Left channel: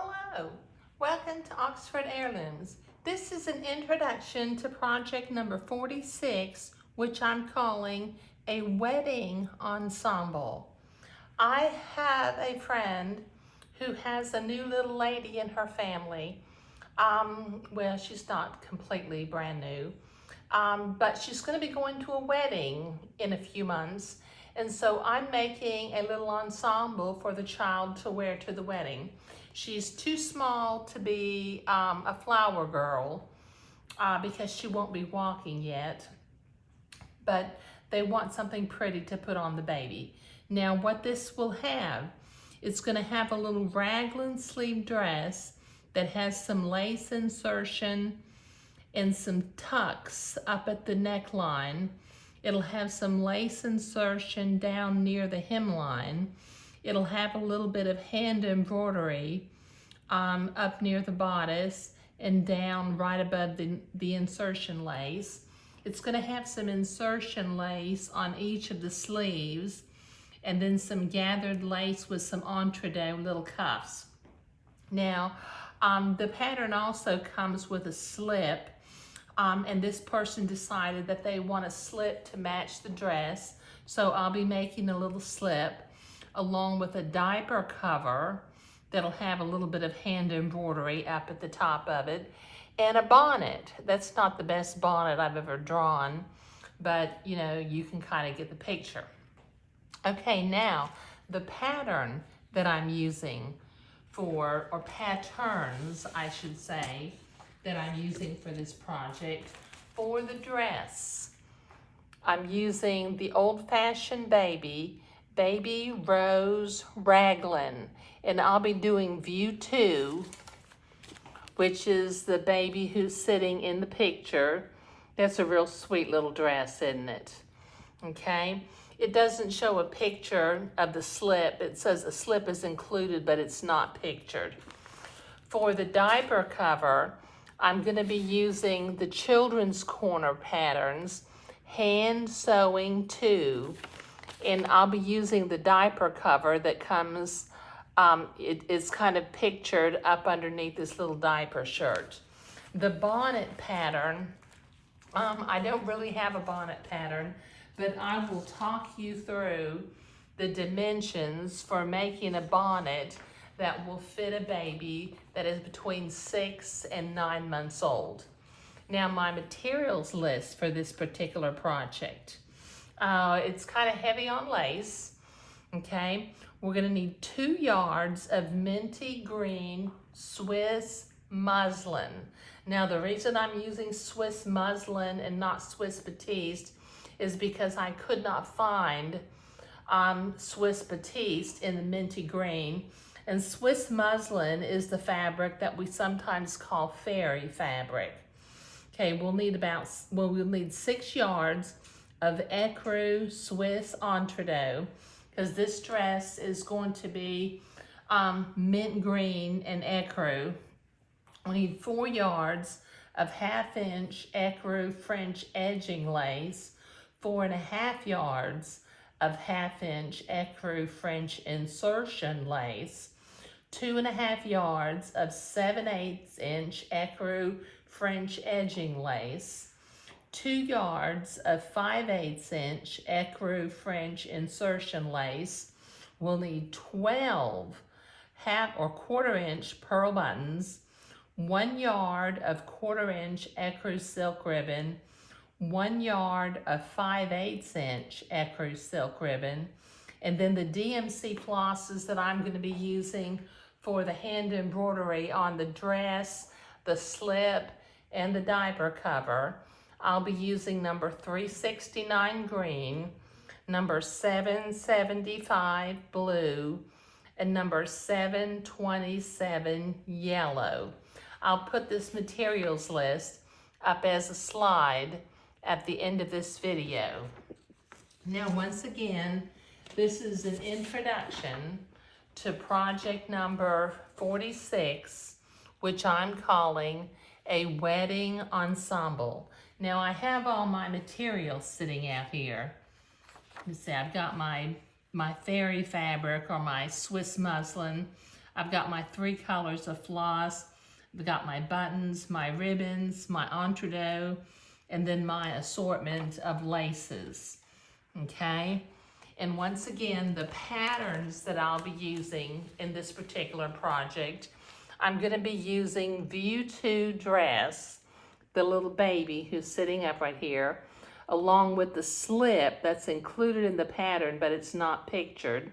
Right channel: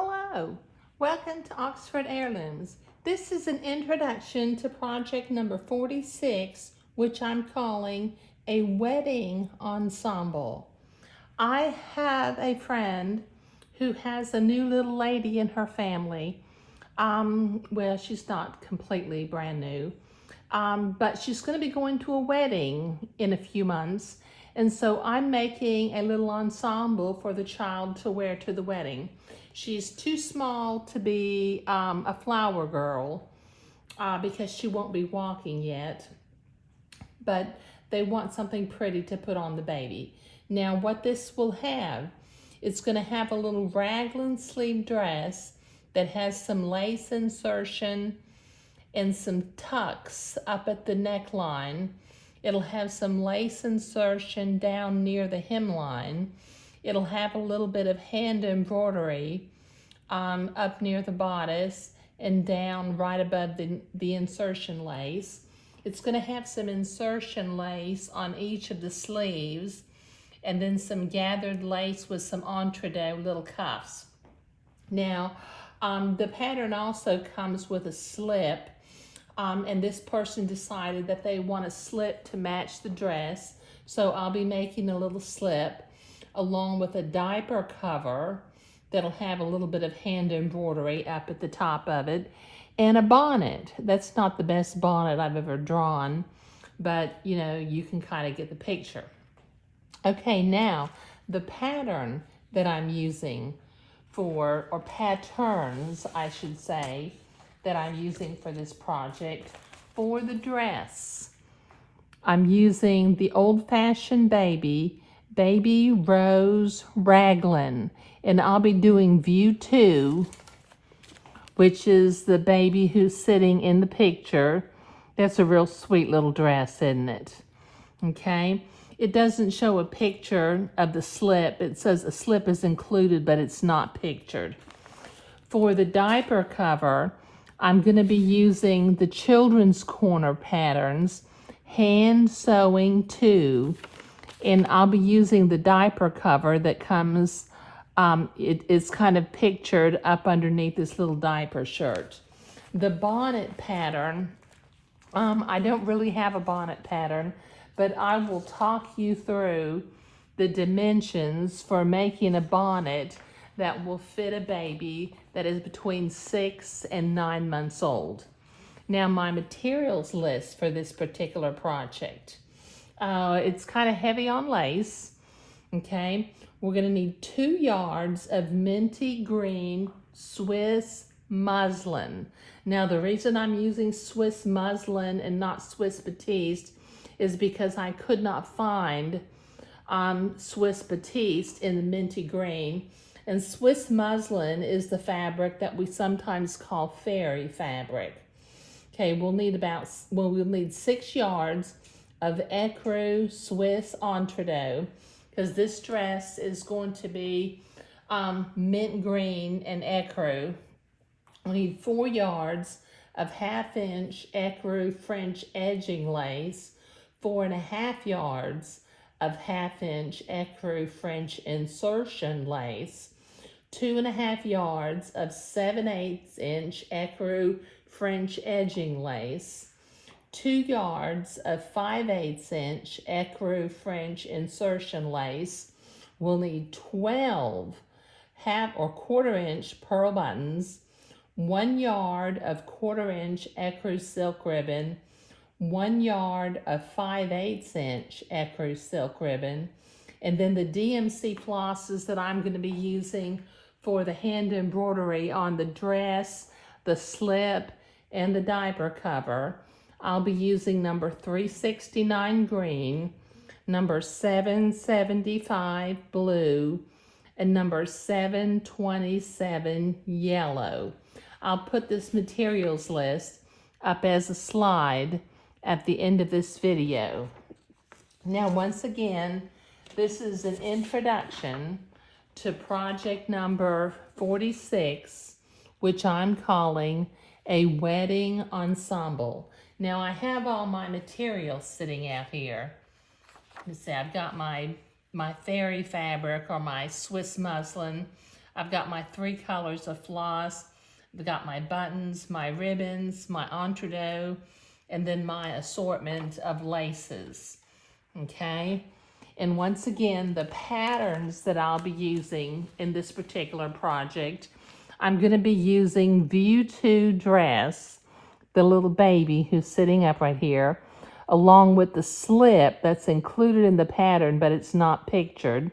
Hello, welcome to Oxford Heirlooms. This is an introduction to project number 46, which I'm calling a wedding ensemble. I have a friend who has a new little lady in her family. Well, she's not completely brand new, but she's going to be going to a wedding in a few months. And so I'm making a little ensemble for the child to wear to the wedding. She's too small to be a flower girl because she won't be walking yet, but they want something pretty to put on the baby. Now what this will have, it's going to have a little raglan sleeve dress that has some lace insertion and some tucks up at the neckline. It'll have some lace insertion down near the hemline. It'll have a little bit of hand embroidery up near the bodice and down right above the insertion lace. It's going to have some insertion lace on each of the sleeves and then some gathered lace with some entredeux little cuffs. Now, the pattern also comes with a slip. And this person decided that they want a slip to match the dress. So I'll be making a little slip along with a diaper cover that'll have a little bit of hand embroidery up at the top of it and a bonnet. That's not the best bonnet I've ever drawn, but you know, you can kind of get the picture. Okay, now the pattern that I'm using for, or patterns I should say, that I'm using for this project for the dress. I'm using the old-fashioned baby rose raglan, and I'll be doing view 2, which is the baby who's sitting in the picture. That's a real sweet little dress, isn't it? Okay, it doesn't show a picture of the slip. It says a slip is included, but it's not pictured. For the diaper cover, I'm going to be using the Children's Corner patterns, hand sewing 2, and I'll be using the diaper cover that comes, it is kind of pictured up underneath this little diaper shirt. The bonnet pattern, I don't really have a bonnet pattern, but I will talk you through the dimensions for making a bonnet that will fit a baby that is between 6 and 9 months old. Now my materials list for this particular project, it's kind of heavy on lace, okay? We're gonna need 2 yards of minty green Swiss muslin. Now the reason I'm using Swiss muslin and not Swiss batiste is because I could not find Swiss batiste in the minty green. And Swiss muslin is the fabric that we sometimes call fairy fabric. Okay, we'll need 6 yards of ecru Swiss entredeux, because this dress is going to be mint green and ecru. We need 4 yards of 1/2 inch ecru French edging lace, 4.5 yards of 1/2 inch ecru French insertion lace, 2.5 yards of 7/8 inch ecru French edging lace, 2 yards of 5/8 inch ecru French insertion lace. We'll need 12 1/2 or 1/4 inch pearl buttons, 1 yard of 1/4 inch ecru silk ribbon, 1 yard of 5/8 inch ecru silk ribbon, and then the DMC flosses that I'm going to be using for the hand embroidery on the dress, the slip, and the diaper cover. I'll be using number 369 green, number 775 blue, and number 727 yellow. I'll put this materials list up as a slide at the end of this video. Now once again, this is an introduction to project number 46, which I'm calling a wedding ensemble. Now I have all my materials sitting out here. You see, I've got my fairy fabric or my Swiss muslin. I've got my 3 colors of floss. I've got my buttons, my ribbons, my entredot, and then my assortment of laces, okay? And once again, the patterns that I'll be using in this particular project, I'm gonna be using View 2 dress, the little baby who's sitting up right here, along with the slip that's included in the pattern, but it's not pictured.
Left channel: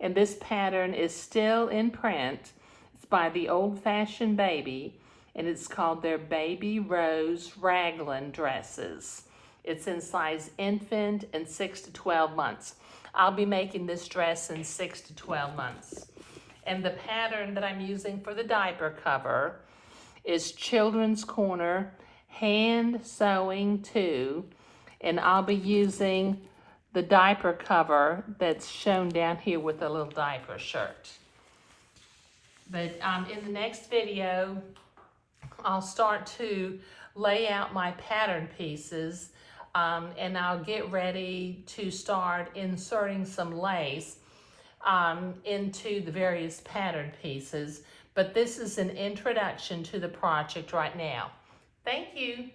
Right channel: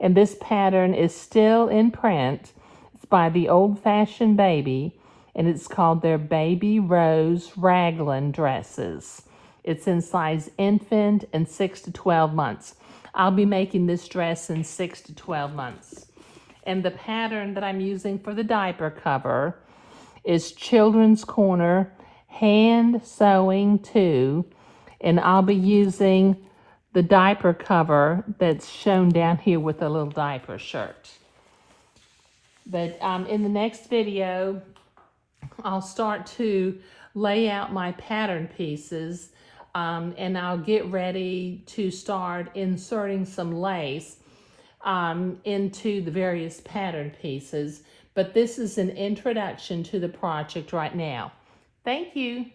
And this pattern is still in print. It's by the Old Fashioned Baby, and it's called their Baby Rose Raglan dresses. It's in size infant and 6 to 12 months. I'll be making this dress in 6 to 12 months. And the pattern that I'm using for the diaper cover is Children's Corner Hand Sewing 2, and I'll be using the diaper cover that's shown down here with a little diaper shirt. But in the next video, I'll start to lay out my pattern pieces, and I'll get ready to start inserting some lace into the various pattern pieces. But this is an introduction to the project right now. Thank you.